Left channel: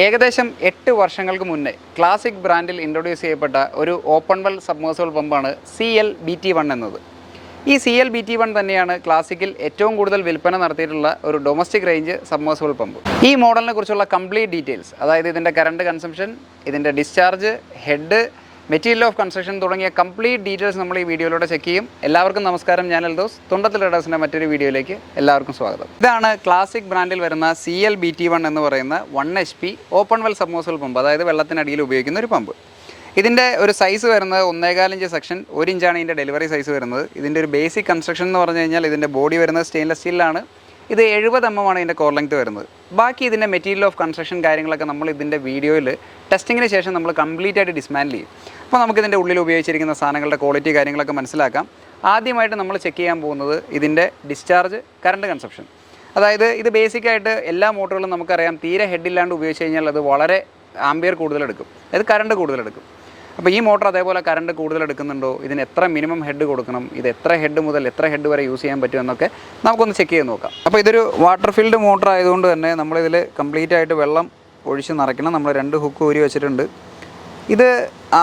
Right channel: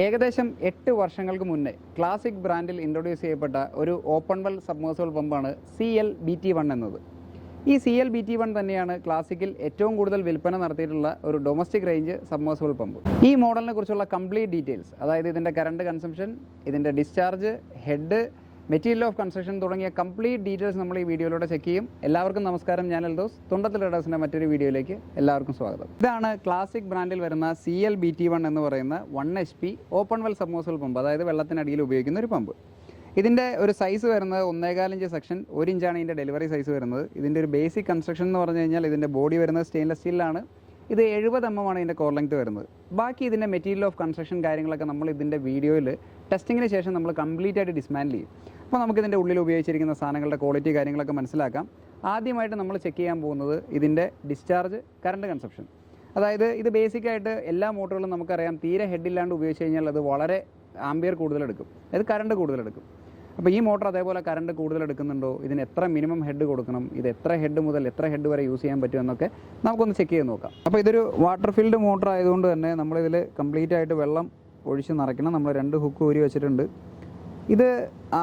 ഏകദേശം 8 വർഷങ്ങൾക്ക് മുന്നേ ക്ലാസിക് ബ്രാൻഡിൽ ഇൻട്രൊഡ്യൂസ് ചെയ്യപ്പെട്ട ഒരു ഓപ്പൺ വെൽ സബ്മേഴ്സിബിൾ പമ്പാണ് CL-BT1 എന്നത്. ഈ CL-BT1 തന്നെയാണ് ക്ലാസിക്കിൽ ഏറ്റവും കൂടുതൽ വിൽപ്പന നടത്തിയിട്ടുള്ള ഒരു ഡൊമസ്റ്റിക് റേഞ്ച് സബ്മേഴ്സിബിൾ പമ്പ്. ഈ മോഡലിനെ കുറിച്ചുള്ള കംപ്ലീറ്റ് ഡീറ്റെയിൽസ്, അതായത് ഇതിൻ്റെ കറണ്ട് കൺസംഷൻ, ഇതിൻ്റെ discharge, head, material of construction തുടങ്ങിയ കംപ്ലീറ്റ് ഡീറ്റെയിൽസ് നമ്മൾ ഈ വീഡിയോയിലൂടെ ചെക്ക് ചെയ്യും. എല്ലാവർക്കും നമസ്കാരം, ഞാൻ എൽദോസ്. തുണ്ടത്തിൽ റേഡേഴ്സിൻ്റെ മറ്റൊരു വീഡിയോയിലേക്ക് എല്ലാവർക്കും സ്വാഗതം. ഇതാണ് ക്ലാസിക് ബ്രാൻഡിൽ വരുന്ന CL-BT1 എന്ന് പറയുന്ന 1 HP open well submersible pump, അതായത് വെള്ളത്തിനടിയിൽ ഉപയോഗിക്കുന്ന ഒരു പമ്പ്. ഇതിൻ്റെ ഒരു സൈസ് വരുന്നത് 1.25 ഇഞ്ച് സെക്ഷൻ, 1 ഇഞ്ചാണ് ഇതിൻ്റെ ഡെലിവറി സൈസ് വരുന്നത്. ഇതിൻ്റെ ഒരു ബേസിക് കൺസ്ട്രക്ഷൻ എന്ന് പറഞ്ഞു കഴിഞ്ഞാൽ ഇതിൻ്റെ ബോഡി വരുന്നത് സ്റ്റെയിൻലെസ് സ്റ്റീലാണ്. ഇത് 70 mm ആണ് ഇതിൻ്റെ കോർ ലെങ്ത് വരുന്നത്. ബാക്കി ഇതിൻ്റെ മെറ്റീരിയൽ ഓഫ് കൺസ്ട്രക്ഷൻ കാര്യങ്ങളൊക്കെ നമ്മൾ ഇതിൻ്റെ വീഡിയോയിൽ ടെസ്റ്റിങ്ങിന് ശേഷം നമ്മൾ കംപ്ലീറ്റ് ആയിട്ട് ഡിസ്മാൻഡിൽ ചെയ്യും. അപ്പോൾ നമുക്കിതിൻ്റെ ഉള്ളിൽ ഉപയോഗിച്ചിരിക്കുന്ന സാധനങ്ങളുടെ ക്വാളിറ്റി കാര്യങ്ങളൊക്കെ മനസ്സിലാക്കാം. ആദ്യമായിട്ട് നമ്മൾ ചെക്ക് ചെയ്യാൻ പോകുന്നത് ഇതിൻ്റെ ഡിസ്ചാർജ്, കറണ്ട് കൺസപ്ഷൻ. അതായത് ഇത് ബേസിക്കായിട്ട് എല്ലാ മോട്ടറുകളും നമുക്കറിയാം, തീരെ ഹെഡില്ലാണ്ട് ഉപയോഗിച്ച് കഴിഞ്ഞാൽ അത് വളരെ ആംബിയർ കൂടുതലെടുക്കും, അതായത് കറണ്ട് കൂടുതലെടുക്കും. അപ്പോൾ ഈ മോട്ടർ അതേപോലെ കറണ്ട് കൂടുതൽ എടുക്കുന്നുണ്ടോ, ഇതിന് എത്ര മിനിമം ഹെഡ് കൊടുക്കണം, ഇത് എത്ര ഹെഡ് മുതൽ എത്ര ഹെഡ് വരെ യൂസ് ചെയ്യാൻ പറ്റുമെന്നൊക്കെ നമുക്കൊന്ന് ചെക്ക് ചെയ്ത് നോക്കാം. അപ്പോൾ ഇതൊരു വാട്ടർ ഫീൽഡ് മോട്ടർ ആയതുകൊണ്ട് തന്നെ നമ്മളിതിൽ കംപ്ലീറ്റ് ആയിട്ട് വെള്ളം ഒഴിച്ച് നിറയ്ക്കണം. നമ്മൾ 2 ഹുക്ക് ഊരി വെച്ചിട്ടുണ്ട്. ഇത്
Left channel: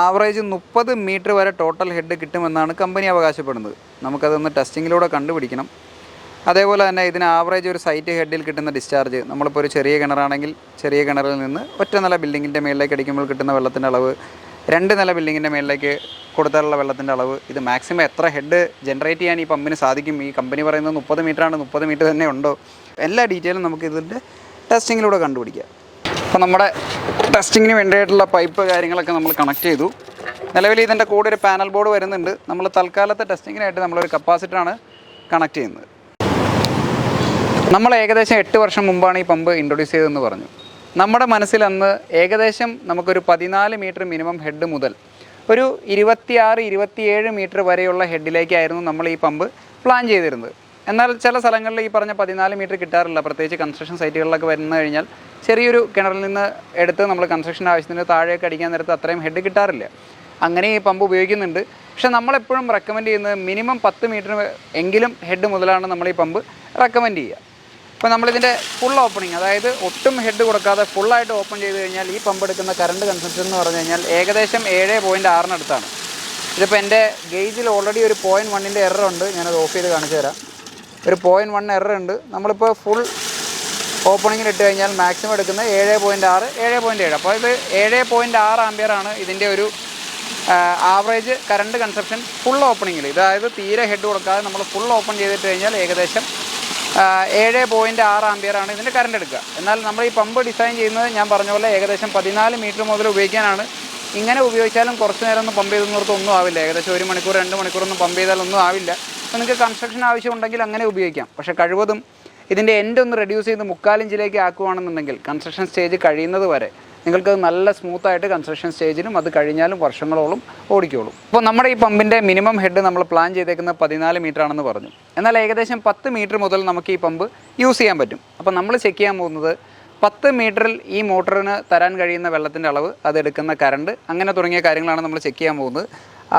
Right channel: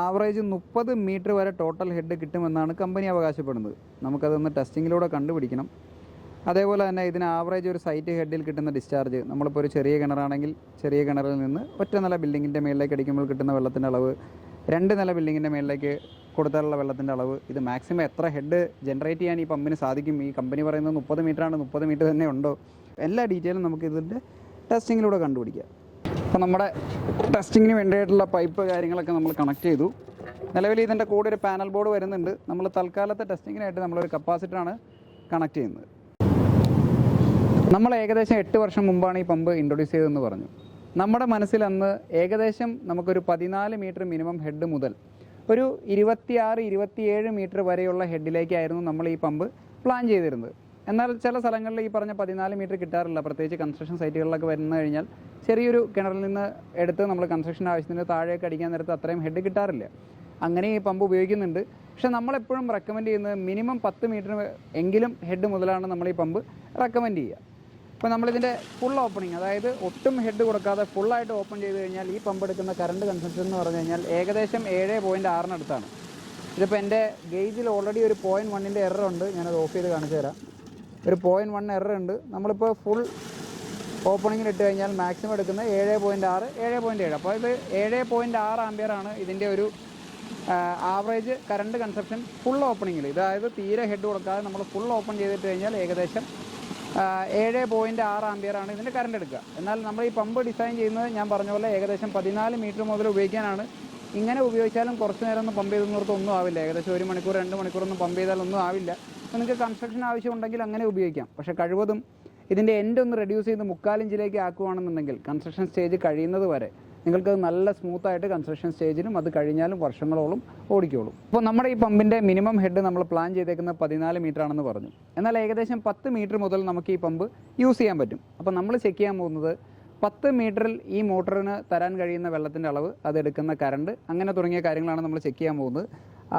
ആവറേജ് 30 മീറ്റർ വരെ ടോട്ടൽ ഹെഡ് കിട്ടുമെന്നാണ് കമ്പനി അവകാശപ്പെടുന്നത്. നമുക്കതൊന്ന് ടെസ്റ്റിങ്ങിലൂടെ കണ്ടുപിടിക്കണം. അതേപോലെ തന്നെ ഇതിന് ആവറേജ് ഒരു സൈറ്റ് ഹെഡിൽ കിട്ടുന്ന ഡിസ്ചാർജ്, നമ്മളിപ്പോൾ ഒരു ചെറിയ കിണറാണെങ്കിൽ ചെറിയ കിണറിൽ നിന്ന് ഒറ്റ നില ബിൽഡിങ്ങിൻ്റെ മേളിലേക്ക് അടിക്കുമ്പോൾ കിട്ടുന്ന വെള്ളത്തിൻ്റെ അളവ്, 2 നില ബിൽഡിങ്ങിൻ്റെ മേളിലേക്ക് കൊടുത്താലുള്ള വെള്ളത്തിൻ്റെ അളവ്, ഇത് മാക്സിമം എത്ര ഹെഡ് ജനറേറ്റ് ചെയ്യാൻ ഈ പമ്പിന് സാധിക്കും. ഈ കമ്പനി പറയുന്നത് 30 മീറ്ററാണ്, 30 മീറ്റർ തന്നെ ഉണ്ടോ, എല്ലാ ഡീറ്റെയിലും നമുക്ക് ഇതിൻ്റെ ടെസ്റ്റിങ്ങിലൂടെ കണ്ടുപിടിക്കാം. അപ്പോൾ നമ്മുടെ ടെസ്റ്റിങ്ങിന് വേണ്ടിയിട്ടുള്ള പൈപ്പ് കാര്യങ്ങളൊക്കെ നമ്മൾ കണക്ട് ചെയ്തു. നിലവിൽ ഇതിൻ്റെ കൂടെ ഒരു പാനൽ ബോർഡ് വരുന്നുണ്ട്. നമ്മൾ തൽക്കാലത്തെ ടെസ്റ്റിങ്ങിനായിട്ട് നമ്മളൊരു കപ്പാസിറ്ററാണ് കണക്ട് ചെയ്യുന്നത്. നമ്മൾ ഏകദേശം 8 വർഷം മുമ്പാണ് ഈ പമ്പ് ഇൻട്രൊഡ്യൂസ് ചെയ്തതെന്ന് പറഞ്ഞു. നമ്മുടെ മനസ്സിൽ അന്ന് ഏകദേശം നമുക്കൊരു 14 മീറ്റർ മിനിമം ഹെഡ് മുതൽ ഒരു 26-27 മീറ്റർ വരെയുള്ള ഹെഡിലേക്കായിരുന്നു നമ്മൾ ഈ പമ്പ് പ്ലാൻ ചെയ്തിരുന്നത്. എന്നാൽ ചില സ്ഥലങ്ങളിൽ ഈ പറഞ്ഞ 14 മീറ്റർ കിട്ടാറില്ല. പ്രത്യേകിച്ച് കൺസ്ട്രക്ഷൻ സൈറ്റുകളിലൊക്കെ വന്നു കഴിഞ്ഞാൽ ചെറിയൊരു കിണറിൽ നിന്ന് എടുത്ത് നമ്മൾ കൺസ്ട്രക്ഷൻ ആവശ്യത്തിന് താഴേക്ക് അടിക്കാൻ നേരത്ത് അത്രയും ഹെഡ് കിട്ടാറില്ല. അങ്ങനെ ഈ പമ്പ് ഉപയോഗിക്കുന്നുണ്ട്. പക്ഷേ നമ്മളെപ്പോഴും റെക്കമെൻഡ് ചെയ്യുന്നത് മിനിമം 10 മീറ്റർ എങ്കിലും ഹെഡ് മുതലാണ് നമ്മൾ ഈ പമ്പ് റെക്കമെൻഡ് ചെയ്യുക. അപ്പോൾ നമ്മളിതിൻ്റെ ഫുൾ ഓപ്പണിങ്, അതായത് ഒട്ടും ഹെഡ് കൊടുക്കാതെ ഫുള്ളായിട്ട് ഓപ്പൺ ചെയ്ത് കഴിഞ്ഞാൽ ഈ പമ്പ് എടുക്കുന്ന കറണ്ട് കൺസംഷൻ എന്ന് പറഞ്ഞു കഴിഞ്ഞാൽ ഏകദേശം 7.6 അടുത്താണ്. ഇതിപ്പോൾ എൻ്റെ ഗേജിൽ ഓൾറെഡി ഒരു 0.1 എറർ ഉണ്ട്. ഞാനത് ഓഫ് ചെയ്ത് കാണിച്ചു തരാം. ഒരു 0.1 എറർ ഉണ്ട്. നമ്മളിപ്പോൾ ഫുൾ ഓപ്പണിങ്ങിൽ ഇട്ട് കഴിഞ്ഞാൽ മാക്സിമം എടുക്കുന്നത് 7.6, 7.7. അപ്പോൾ ഇത് 7.6 ആംപിയറാണ് ഇതിൻ്റെ ഒരു ആവറേജ് കറണ്ട് കൺസപ്ഷൻ ഫുൾ ഓപ്പണിങ്ങിൽ. അതായത് തീരെ ഹെഡ് കൊടുക്കാതെ നമ്മൾ ഫുൾ ഓപ്പൺ ചെയ്തിട്ട് കഴിഞ്ഞാൽ ഏകദേശം 7.6 ആംപിയറാണ് ഇതിൻ്റെ കറണ്ട് എടുക്കുക. എന്നാൽ നമ്മൾ ഈ പമ്പ് ഡിസൈൻ ചെയ്യുന്നത് ഞാൻ പറഞ്ഞ പോലെ ഏകദേശം 14 മീറ്റർ മുതൽ ഉപയോഗിക്കാനാണ്. ഇങ്ങനെ ഉപയോഗിച്ചാലും കുറച്ച് നേരം ഒന്നും പമ്പ് ചെയ്തെന്നോർത്ത് ഒന്നും ആവില്ല. ഏകദേശം 1 മണിക്കൂർ 2 മണിക്കൂറൊന്നും പമ്പ് ചെയ്താലൊന്നും ആവില്ല. അപ്പോൾ നിങ്ങൾക്ക് കൺസ്ട്രക്ഷൻ ആവശ്യമുണ്ടെങ്കിൽ അങ്ങനെ ഉപയോഗിക്കാം. പക്ഷേ കഴിവതും ഇതിൻ്റെ എൻഡ് ഒന്ന് റെഡ്യൂസ് ചെയ്ത് 3/4 ഇഞ്ചിലേക്ക് ആക്കുകയാണെന്നുണ്ടെങ്കിൽ കൺസ്ട്രക്ഷൻ സ്റ്റേജ് കഴിയുന്നത് വരെ നിങ്ങൾക്ക് നല്ല സ്മൂത്തായിട്ട് കൺസ്ട്രക്ഷൻ സ്റ്റേജിലും അത് കഴിഞ്ഞാലും വർഷങ്ങളോളം ഓടിക്കോളും. അപ്പോൾ നമ്മുടെ ഈ പമ്പിൻ്റെ മിനിമം ഹെഡ് നമ്മൾ പ്ലാൻ ചെയ്തേക്കുന്നത് 14 മീറ്റർ ആണെന്ന് പറഞ്ഞു. എന്നാൽ ഏകദേശം 10 മീറ്റർ മുതൽ നമുക്ക് ഈ പമ്പ് യൂസ് ചെയ്യാൻ പറ്റും. അപ്പോൾ നമ്മൾ ചെക്ക് ചെയ്യാൻ പോകുന്നത് 10 മീറ്ററിൽ ഈ മോട്ടറിന് തരാൻ കഴിയുന്ന വെള്ളത്തിൻ്റെ അളവ്, അതെടുക്കുന്ന കറണ്ട്, അങ്ങനെ തുടങ്ങിയ കാര്യങ്ങളാണ് നമ്മൾ ചെക്ക് ചെയ്യാൻ പോകുന്നത്.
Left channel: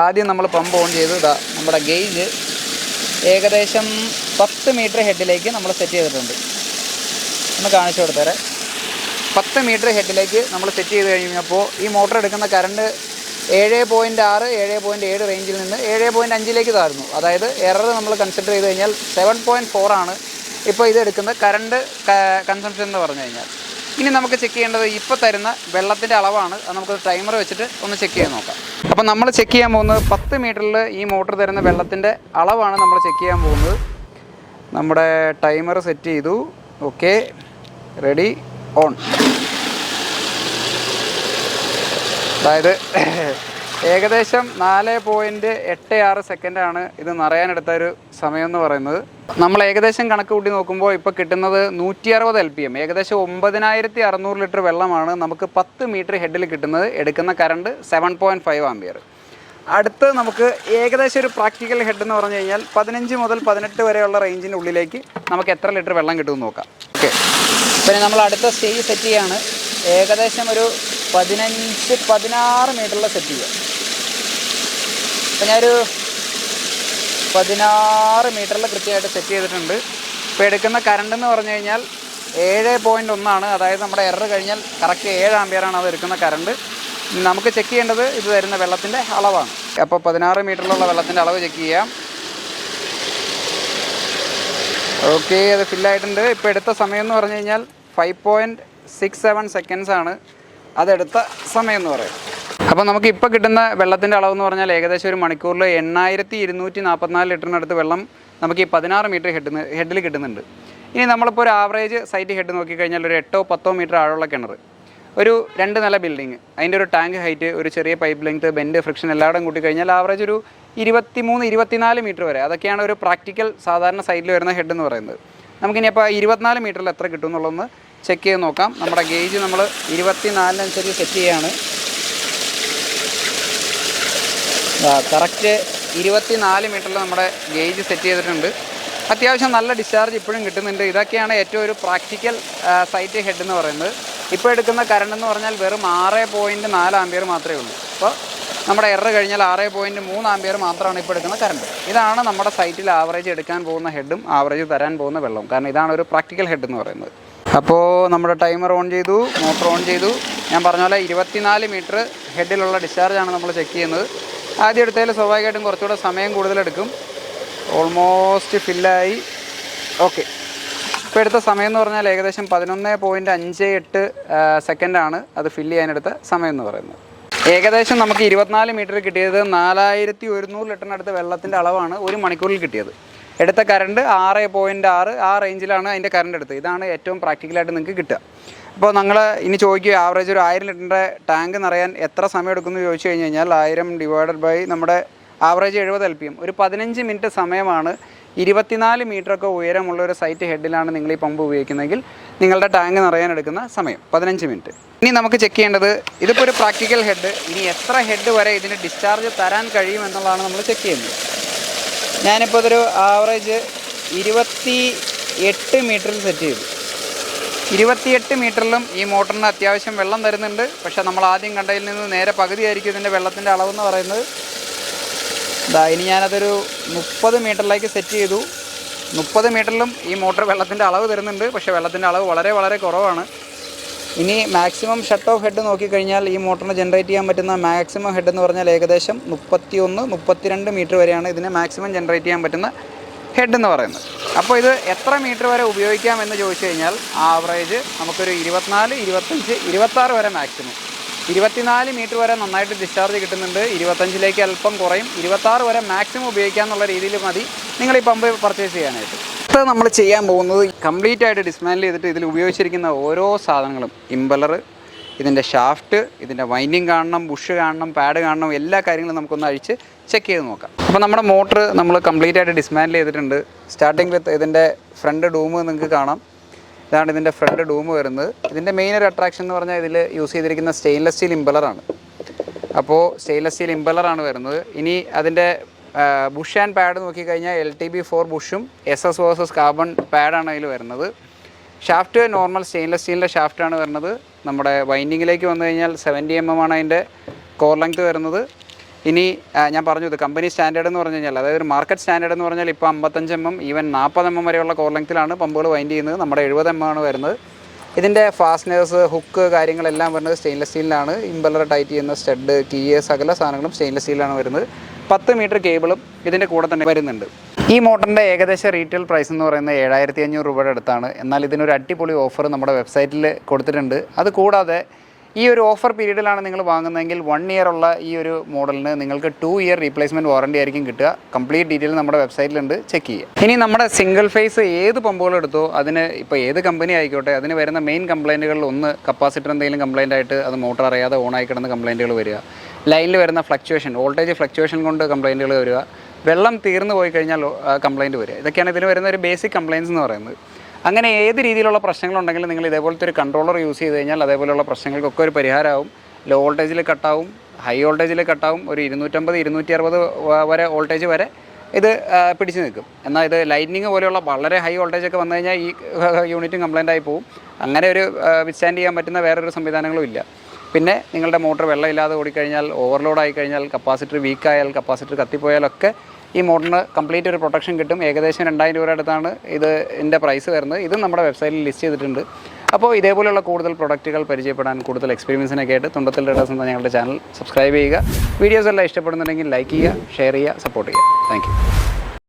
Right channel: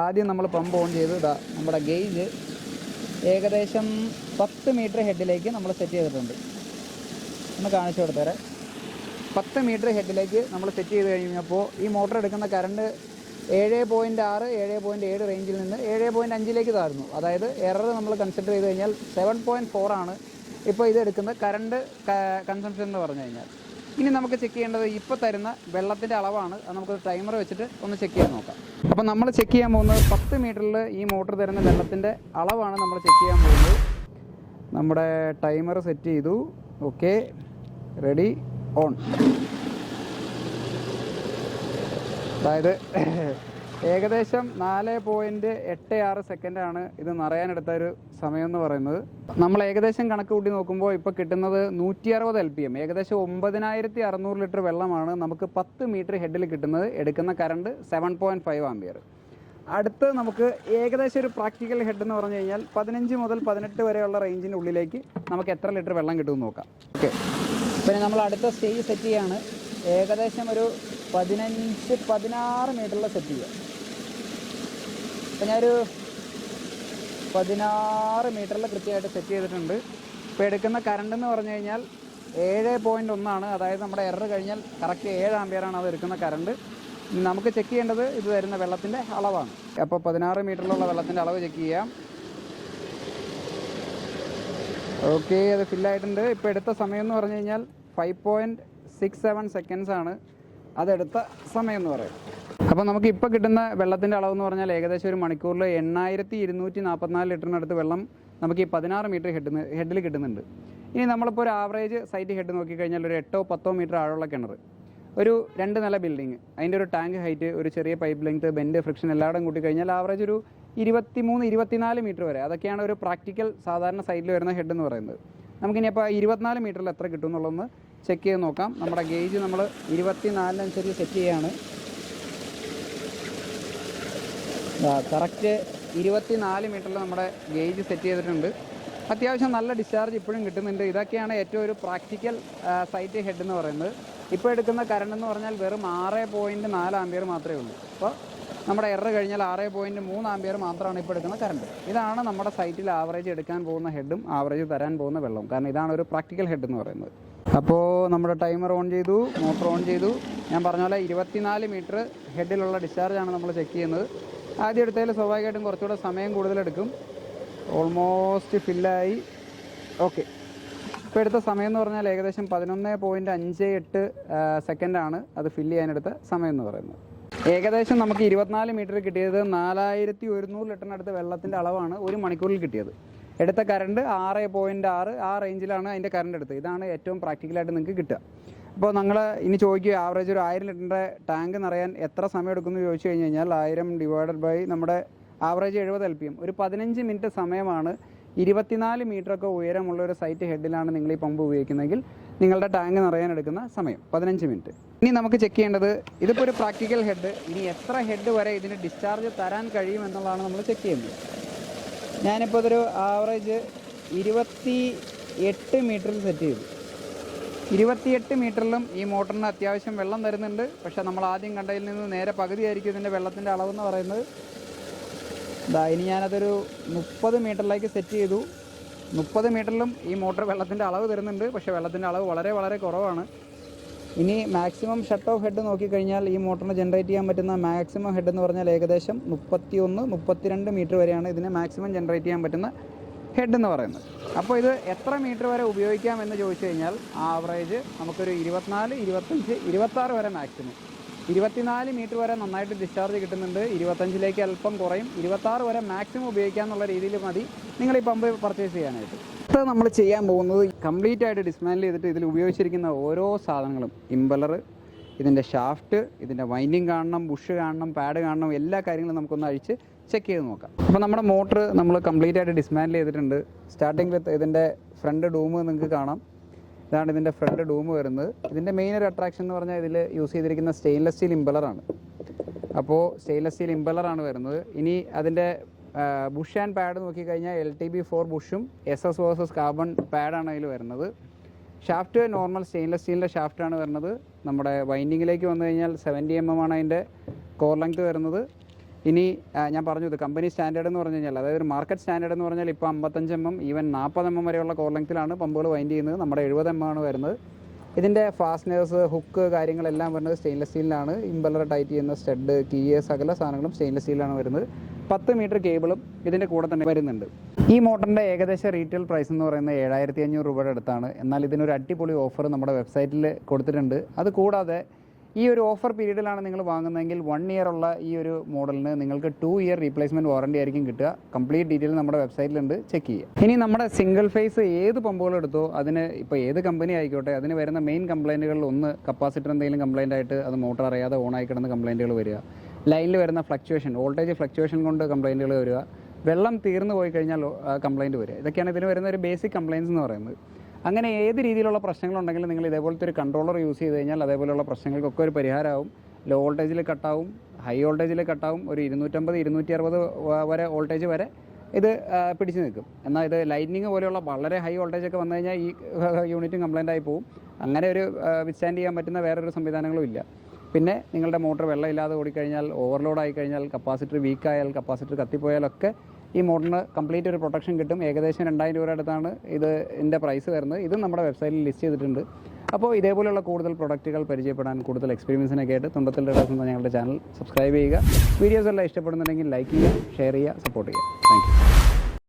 ആദ്യം നമ്മൾ പമ്പ് ഓൺ ചെയ്ത് നമ്മുടെ ഗേജ് ഏകദേശം 10 മീറ്റർ ഹെഡിലേക്ക് നമ്മൾ സെറ്റ് ചെയ്തിട്ടുണ്ട്. ഒന്ന് കാണിച്ചു കൊടുത്തേരെ. 10 മീറ്റർ ഹെഡിലേക്ക് നമ്മൾ സെറ്റ് ചെയ്ത് കഴിഞ്ഞപ്പോൾ ഈ മോട്ടർ എടുക്കുന്ന കറണ്ട് 7.6, 7.7 റേഞ്ചിൽ നിന്ന് 7.5 താഴ്ന്നു. അതായത് എറർ നമ്മൾ കൺസിഡർ ചെയ്ത് കഴിഞ്ഞാൽ 7.4 ആണ് ഇപ്പോൾ ഇത് എടുക്കുന്ന കറണ്ട് കൺസംഷൻ എന്ന് പറഞ്ഞു കഴിഞ്ഞാൽ. ഇനി നമുക്ക് ചെക്ക് ചെയ്യേണ്ടത് ഇപ്പോൾ തരുന്ന വെള്ളത്തിൻ്റെ അളവാണ്. അത് നമുക്ക് ടൈമർ വെച്ചിട്ട് ഒന്ന് ചെക്ക് ചെയ്ത് നോക്കാം. അപ്പോൾ നമ്മൾ ചെക്ക് ചെയ്യാൻ പോകുന്നത് 10 മീറ്ററിൽ ഈ മോട്ടർ തരുന്ന വെള്ളത്തിൻ്റെ അളവാണ് നമ്മൾ ചെക്ക് ചെയ്യാൻ പോകുന്നത്. നമ്മുടെ ടൈമർ സെറ്റ് ചെയ്തു. Okay, ready, on. അതായത് ഏകദേശം 4.86 സെക്കൻഡാണ് ഇത് നിറയാനെടുത്ത ഒരു സമയം എന്ന് പറയുന്നത്. നമ്മൾ ഏകദേശം കണക്ക് കൂട്ടി നോക്കുമ്പോൾ ഇപ്പോൾ കിട്ടുന്നത് 160 LPM, ഏകദേശം 9600 ലിറ്റർ വെള്ളമാണ് നമുക്ക് 10 മീറ്റർ ഹെഡിൽ കിട്ടുന്നത്. എടുക്കുന്ന കറണ്ട് 7.5 ആംപിയർ. അടുത്ത് നമുക്ക് ഏകദേശം ഒരു പ്രാക്ടിക്കൽ ഹെഡ് എന്ന് പറഞ്ഞു കഴിഞ്ഞാൽ 15 മുതൽ 18 വരെയുള്ള റേഞ്ചിൻ്റെ ഉള്ളിലേക്ക് നമുക്ക് എത്ര ലിറ്റർ വെള്ളം കിട്ടുമെന്ന് നോക്കാം. ഓക്കെ, പിന്നെ നമ്മൾ അടുത്ത സ്റ്റേജ് സെറ്റ് ചെയ്യാണ്. ഏകദേശം ഒരു 15-16 മീറ്ററിൽ സെറ്റ് ചെയ്യുക. അപ്പോൾ ഞാനൊരു 16 മീറ്ററിൽ കൃത്യമായിട്ട് സെറ്റ് ചെയ്തിട്ടുണ്ട്. ഇപ്പോൾ എടുക്കുന്ന കറണ്ട് എന്ന് പറഞ്ഞു കഴിഞ്ഞാൽ 7.1 അതായത് നമ്മുടെ എറർ കഴിഞ്ഞാൽ കറക്റ്റ് 7 ആമ്പിയറാണ് അത് എടുക്കുന്ന കറണ്ട്. നമുക്ക് ചെക്ക് ചെയ്യേണ്ടത് ഇത് തരുന്ന വെള്ളത്തിൻ്റെ അളവാണ്. അപ്പോൾ 16 മീറ്ററിലുള്ള വെള്ളത്തിൻ്റെ അളവ് ചെക്ക് ചെയ്യാം. ഓക്കെ, അത് ഫില്ലായിട്ടുണ്ട്. ഇപ്പോൾ എടുത്ത സമയം എന്ന് പറഞ്ഞു കഴിഞ്ഞാൽ 5.67 സെക്കൻഡ്സ് ആണ് അതെടുത്ത സമയം എന്ന് പറയും. അപ്പോൾ നമുക്ക് ഇപ്പോൾ കിട്ടുന്ന വെള്ളത്തിൻ്റെ അളവെന്ന് പറഞ്ഞാൽ ഏകദേശം ഒരു മണിക്കൂറിൽ 8244 ലിറ്ററിനടുത്ത് വെള്ളം നമുക്ക് ഈ 16 മീറ്റർ ഹെഡിൽ കിട്ടുന്നുണ്ട്. ഇനി നമ്മളിപ്പോൾ ഒരു ആവറേജ് സൈറ്റ് ഹെഡ് നോക്കിക്കഴിഞ്ഞാൽ ഒരു 8-10 മീറ്റർ ആഴമുള്ള കിണർ, ഒരു 2 നില ബിൽഡിങ്, അതിൻ്റെ ഒരു ടാങ്ക് ഹൈറ്റ്, ഒരു ചെറിയ പൈപ്പ് ലെങ്ത്, ബെൻഡ്, ഫ്രിക്ഷൻ എല്ലായിടും കൂട്ടിക്കഴിഞ്ഞാൽ ആവറേജ് ഒരു 23-24 മീറ്റർ വരെ, അതൊക്കെയാണ് ഒരു പ്രാക്ടിക്കൽ സാധാരണ സൈറ്റിൽ വരുന്ന ഹെഡ് എന്ന് പറയുന്നത്. നമുക്കിനി അപ്പോൾ 24 മീറ്ററിൽ എത്ര കിട്ടും എന്നുള്ളതൊന്ന് ചെക്ക് ചെയ്ത് നോക്കാം. നമ്മുടെ ഗേജ് നമ്മൾ 24 സെറ്റ് ചെയ്യുകയാണ്. കറക്റ്റ് 24 മീറ്ററിൽ നമ്മുടെ ഗേജ് സെറ്റ് ചെയ്തിട്ടുണ്ട്. അത്യാവശ്യം നല്ല ഡിസ്ചാർജ് ഇപ്പോഴും കിട്ടുന്നുണ്ട്. ഇതൊക്കെയാണ് ഏറ്റവും ഒരു പ്രാക്ടിക്കൽ സൈറ്റ് ഹെഡ് എന്ന് പറയുന്നത്. ഇപ്പോൾ എടുക്കുന്ന കറണ്ട് എന്ന് പറഞ്ഞാൽ വെറും 6.4 ആമ്പിയർ മാത്രമേ ഉള്ളൂ. അപ്പോൾ നമ്മുടെ എറർ കഴിഞ്ഞാൽ 6.3 ആമ്പിയർ മാത്രമാണ് ഇപ്പോൾ എടുക്കുന്ന കറണ്ട്. ഇതാണ് നമ്മുടെ സൈറ്റിൽ ആവറേജ് എടുക്കാൻ പോകുന്ന ഹെഡും ആവറേജ് തരാൻ പോകുന്ന വെള്ളവും. കാരണം ഇതാണ് ഒരു പ്രാക്ടിക്കൽ ഹെഡ് എന്ന് പറയുന്നത്. അപ്പോൾ നമ്മുടെ ടൈമർ ഓൺ ചെയ്തു, മോട്ടർ ഓൺ ചെയ്തു. ഞാൻ പറഞ്ഞ പോലെ 24 മീറ്റർ ഹെഡിലുള്ള ഡിസ്ചാർജാണ് നമ്മൾ ചെക്ക് ചെയ്യുന്നത്. ആദ്യം എടുത്തതിൽ സ്വാഭാവികമായിട്ടും കുറച്ചുകൂടെ സമയം കൂടുതലെടുക്കും. ഓൾമോസ്റ്റ് ഫില്ലായി. ഓക്കെ, ഇപ്പോൾ എടുത്ത സമയം എന്ന് പറഞ്ഞാൽ ഏകദേശം 11.58 സെക്കൻഡാണ് അത് ഫില്ല് ചെയ്യാനെടുത്ത സമയം എന്ന് പറയുന്നത്. ഏകദേശം നമുക്ക് 24 മീറ്റർ കിട്ടിയത് 4100 ലിറ്ററിനടുത്ത് വെള്ളത്തിൻ്റെ അളവാണ് ഒരു മണിക്കൂറിൽ കിട്ടിയത്. എടുത്ത കറണ്ട് 6.6 ആ റേഞ്ചിലാണ് അതിൻ്റെ കറണ്ട് എടുത്തത്. ഇതാണ് ഏറ്റവും പ്രാക്ടിക്കലായിട്ട് നിങ്ങൾക്ക് കിട്ടുക. അപ്പോൾ നിങ്ങൾ ഇനി ചോദിക്കുക ആവറേജ് ഒരു 1000 ലിറ്ററിൻ്റെ ടാങ്ക് നിറയാൻ എത്ര സമയം എടുക്കുമെന്ന് ചോദിച്ചു കഴിഞ്ഞ് കഴിഞ്ഞാൽ 1000 ഡിവൈഡഡ് ബൈ നമ്മുടെ ആവറേജ് 70 LPM, ഒരു 15 മിനിറ്റ് സമയമാണ്. 24 മീറ്ററൊക്കെ ഉയരമുള്ള ഒരു സൈറ്റ് ഹെഡിലാണ് നിങ്ങൾ ഈ പമ്പ് ഉപയോഗിക്കുന്നതെങ്കിൽ നിങ്ങളുടെ ടാങ്ക് നിറയാൻ എടുക്കുന്ന സമയം 15 മിനിറ്റ്. ഇനി നമുക്ക് ചെക്ക് ചെയ്യേണ്ടത്, ഇതിപ്പോൾ ഒരു പ്രാക്ടിക്കൽ ഹെഡ്, ഇനി എത്ര ഹെഡ് വരെ ഇതിന് ഡിസ്ചാർജ് തരാൻ കഴിയും എന്നുള്ളതാണ് നമ്മൾ ചെക്ക് ചെയ്യുന്നത്. ഞാനിപ്പോൾ ഇതൊരു ആവറേജ് 28 മീറ്ററിൽ സെറ്റ് ചെയ്തു. 28 മീറ്ററിലും ഈ മോട്ടറിന് അത്യാവശ്യം വെള്ളം തരുന്നുണ്ട്. പക്ഷേ നമ്മൾ ആദ്യം കണ്ടതിൽ നിന്ന് നേരെ പകുതിയായിരിക്കും ഇതിൻ്റെ വെള്ളത്തിൻ്റെ അളവെന്ന് പറയുന്നത്. ഇനി ഞാനതൊരു 30 മീറ്ററിലേക്ക് സെറ്റ് ചെയ്തു. 30 മീറ്ററിലും ഈ മോട്ടർ വെള്ളത്തിൻ്റെ അളവ് തരുന്നുണ്ട്. പക്ഷേ വെള്ളത്തിൻ്റെ അളവ് വളരെ വളരെ കുറവാണ്. ഇനി മാക്സിമം ഷട്ട് ഓഫ് ഹെഡ് നോക്കിക്കഴിഞ്ഞാൽ ഈ മോട്ടറിന് ജനറേറ്റ് ചെയ്യാൻ പറ്റുന്ന മാക്സിമം ഹെഡ് എന്ന് പറഞ്ഞാൽ ഏകദേശം 31-32 മീറ്റർ വരെയാണ് ഇതിന് മാക്സിമം ജനറേറ്റ് ചെയ്യാൻ പറ്റുന്ന ഹെഡ് എന്ന് പറയുന്നത്. അപ്പോൾ ഇത് എത്ര മീറ്റർ വരെ ഉപയോഗിക്കാമെന്ന് ചോദിച്ചു കഴിഞ്ഞാൽ ആവറേജ് നമുക്കൊരു 24, 25, 26 വരെ മാക്സിമം. 24 മീറ്റർ വരെ നന്നായിട്ട് ഡിസ്ചാർജ് കിട്ടുന്നുണ്ട്. 25ലേക്ക് അല്പം കുറയും. 26 വരെ മാക്സിമം ഉപയോഗിക്കാമെന്നുള്ള രീതിയിൽ മതി നിങ്ങൾ ഈ പമ്പ് പർച്ചേസ് ചെയ്യാനായിട്ട്. അടുത്ത നമ്മൾ ചെയ്യാൻ പോകുന്നത് കംപ്ലീറ്റ് ആയിട്ട് ഡിസ്മാൻഡിൽ ചെയ്തിട്ട് ഇതിൽ ഉപയോഗിച്ചിരിക്കുന്ന ഓരോ സാധനങ്ങളും, ഇമ്പലർ, ഇതിൻ്റെ ഷാഫ്റ്റ്, ഇതിൻ്റെ വൈൻഡിങ് കാണണം, ബുഷ് കാണണം, പാഡ് കാണണം, എല്ലാ കാര്യങ്ങളും നമുക്കൊന്ന് അഴിച്ച് ചെക്ക് ചെയ്ത് നോക്കാം. അപ്പോൾ നമ്മുടെ മോട്ടർ നമ്മൾ കംപ്ലീറ്റ് ആയിട്ട് ഡിസ്മാൻഡിൽ ചെയ്തിട്ടുണ്ട്. സ്റ്റാർട്ടിങ് വിത്ത് ഇതിൻ്റെ ഫ്രണ്ട് ഡൂം നിങ്ങൾക്ക് കാണാം. ഇതാണ് ഇതിൻ്റെ ഫ്രണ്ട് ഡൂം വരുന്നത്. ഇതിൻ്റെ മെയിൻ ഒരു അട്രാക്ഷൻ എന്ന് പറഞ്ഞാൽ ഇതിൽ യൂസ് ചെയ്തിരിക്കുന്ന സ്റ്റെയിൻലെസ് സ്റ്റീൽ ഇമ്പലറാണ്. അപ്പോൾ സ്റ്റെയിൻലെസ് സ്റ്റീൽ ഇമ്പലറാണ് വരുന്നത്. ഇനി അതിൻ്റെ ബുഷ് ആൻഡ് പാഡ് നോക്കിക്കഴിഞ്ഞാൽ LTB4 ബുഷും SS വേഴ്സസ് കാർബൺ പാഡാണ് അതിൽ വരുന്നത്. ഷാഫ്റ്റ് നോർമൽ സ്റ്റെയിൻലെസ് സ്റ്റീലിൻ്റെ ഷാഫ്റ്റാണ് വരുന്നത്. നമ്മുടെ വൈൻഡിങ്ങിലേക്ക് വന്നു കഴിഞ്ഞാൽ 70 mm ആണ് അതിൻ്റെ കോർ ലെങ്ത് വരുന്നത്. ഇനി ഞാൻ പറഞ്ഞു, ഇത് കമ്പനി സ്റ്റാൻഡേർഡ് എന്ന് പറഞ്ഞു കഴിഞ്ഞാൽ, അതായത് ഒരു മാർക്കറ്റ് സ്റ്റാൻഡേർഡ് എന്ന് പറഞ്ഞാൽ ഇപ്പോൾ 55 mm, ഈവൻ 40 mm വരെയുള്ള കോർ ലെങ്ത്തിലാണ് പമ്പുകൾ വൈൻഡ് ചെയ്യുന്നത്. നമ്മുടെ 70 mm ആണ് വരുന്നത്. ഇതിൻ്റെ ഫാസ്റ്റനേഴ്സ്, ഹുക്ക് കാര്യങ്ങളെല്ലാം വരുന്നത് സ്റ്റെയിൻലെസ് സ്റ്റീലിലാണ്. ഇമ്പലർ ടൈറ്റ് ചെയ്യുന്ന സ്റ്റഡ്, കീയ്, സകല സാധനങ്ങളും സ്റ്റെയിൻലെസ് സ്റ്റീലാണ് വരുന്നത്. 10 മീറ്റർ കേബിളും ഇതിൻ്റെ കൂടെ തന്നെ വരുന്നുണ്ട്. ഈ മോട്ടറിൻ്റെ ഏകദേശം റീറ്റെയിൽ പ്രൈസ് എന്ന് പറയുന്നത് 7500 രൂപയുടെ അടുത്താണ്. എന്നാൽ ഇതിനൊരു അടിപൊളി ഓഫർ നമ്മുടെ വെബ്സൈറ്റിൽ കൊടുത്തിട്ടുണ്ട്. അതുകൂടാതെ ഈ ഒരു ഓഫർ പീരീഡിലാണ് നിങ്ങൾ വാങ്ങുന്നതെങ്കിൽ 1 ഇയർ ഉള്ള ഈ ഒരു മോഡലിന് നിങ്ങൾക്ക് 2 ഇയർ റീപ്ലേസ്മെൻറ്റ് വാറണ്ടി ആയിരിക്കും കിട്ടുക. കംപ്ലീറ്റ് ഡീറ്റെയിൽ നമ്മുടെ വെബ്സൈറ്റിലുണ്ട്, ചെക്ക് ചെയ്യുക. ഇനി നമ്മുടെ സിംഗിൾ ഫേസ് ഏത് പമ്പുകൾ എടുത്തോ അതിന് ഇപ്പോൾ ഏത് കമ്പനി ആയിക്കോട്ടെ, അതിന് വരുന്ന മെയിൻ കംപ്ലയിൻറ്റുകളിൽ ഒന്ന് കപ്പാസിറ്റർ എന്തെങ്കിലും കംപ്ലയിൻ്റ് ആയിട്ട് അത് മോട്ടർ അറിയാതെ ഓണായി കിടന്ന കംപ്ലയിൻറ്റുകൾ വരിക, ലൈനിൽ വരുന്ന ഫ്ലക്ച്വേഷൻ, വോൾട്ടേജ് ഫ്ലക്ച്വേഷൻ കൊണ്ട് കംപ്ലയിൻറ്റുകൾ വരിക, വെള്ളം തീർന്നു പോയി കഴിഞ്ഞാൽ കംപ്ലയിൻറ്റ് വരിക. ഇതൊക്കെയാണ് ഇതിന് വരുന്ന ഒരു ബേസിക് കംപ്ലയിൻസ് എന്ന് പറയുന്നത്. അങ്ങനെ ഏത് രീതിയിലുള്ള പ്രശ്നങ്ങളുണ്ടെങ്കിലും നിങ്ങൾ ഇതേപോലത്തെ ഒരു കൺട്രോളർ യൂസ് ചെയ്ത് കഴിഞ്ഞാൽ അതേപോലെയുള്ള പ്രശ്നങ്ങൾക്കൊക്കെ ഒരു പരിഹാരമാവും. ലോ വോൾട്ടേജിൽ കട്ടാവും, ഹൈ വോൾട്ടേജിൽ കട്ടാവും. ഒരു 250, 260 വരെ വോൾട്ടേജ് വരെ ഇത് പിടിച്ച് നിൽക്കും. എന്നാൽ ഇത് ലൈറ്റ്നിങ് പോലെയുള്ള വളരെ ഹൈ വോൾട്ടേജൊക്കെ വന്നു കഴിഞ്ഞാൽ ഈ യൂണിറ്റും കംപ്ലയിൻ്റ് ആയി പോകും. അങ്ങനെ ഒരു വിത്ത്സ്റ്റാൻഡ് ചെയ്യാൻ പറ്റുന്ന വേറൊരു സംവിധാനങ്ങളും ഇല്ല. പിന്നെ നിങ്ങളുടെ മോട്ടർ വെള്ളമില്ലാതെ ഓടിക്കഴിഞ്ഞാൽ, ഓവർലോഡ് ആയിക്കഴിഞ്ഞാൽ, കപ്പാസിറ്റർ വീക്കായാൽ, കപ്പാസിറ്റർ കത്തിപ്പോയാലൊക്കെ ഈ മോട്ടറിന് കംപ്ലീറ്റ് ഒരു പ്രൊട്ടക്ഷൻ കിട്ടും. ഏകദേശം 2000 രൂപയുടെ അടുത്താണ് ഇതിൻ്റെ പ്രൈസ് വരുന്നത്. ഇതും നമ്മുടെ വെബ്സൈറ്റിൽ ലിസ്റ്റ് ചെയ്തിട്ടുണ്ട്. അപ്പോൾ ഇതേപോലെയുള്ള കൂടുതൽ പ്രൊഡക്റ്റുകൾ പരിചയപ്പെടാൻ, കൂടുതൽ എക്സ്പീരിയൻസിനൊക്കെ ആയിട്ട് തുണ്ടത്തിൽ ട്രേഡേഴ്സ് എന്ന ഞങ്ങളുടെ ചാനൽ സബ്സ്ക്രൈബ് ചെയ്യുക. വീഡിയോസ് എല്ലാം ഇഷ്ടപ്പെടുന്നുണ്ടെങ്കിൽ ലൈക്ക് ചെയ്യുക, ഷെയർ ചെയ്യുക, സപ്പോർട്ട് ചെയ്യുക. Thank you.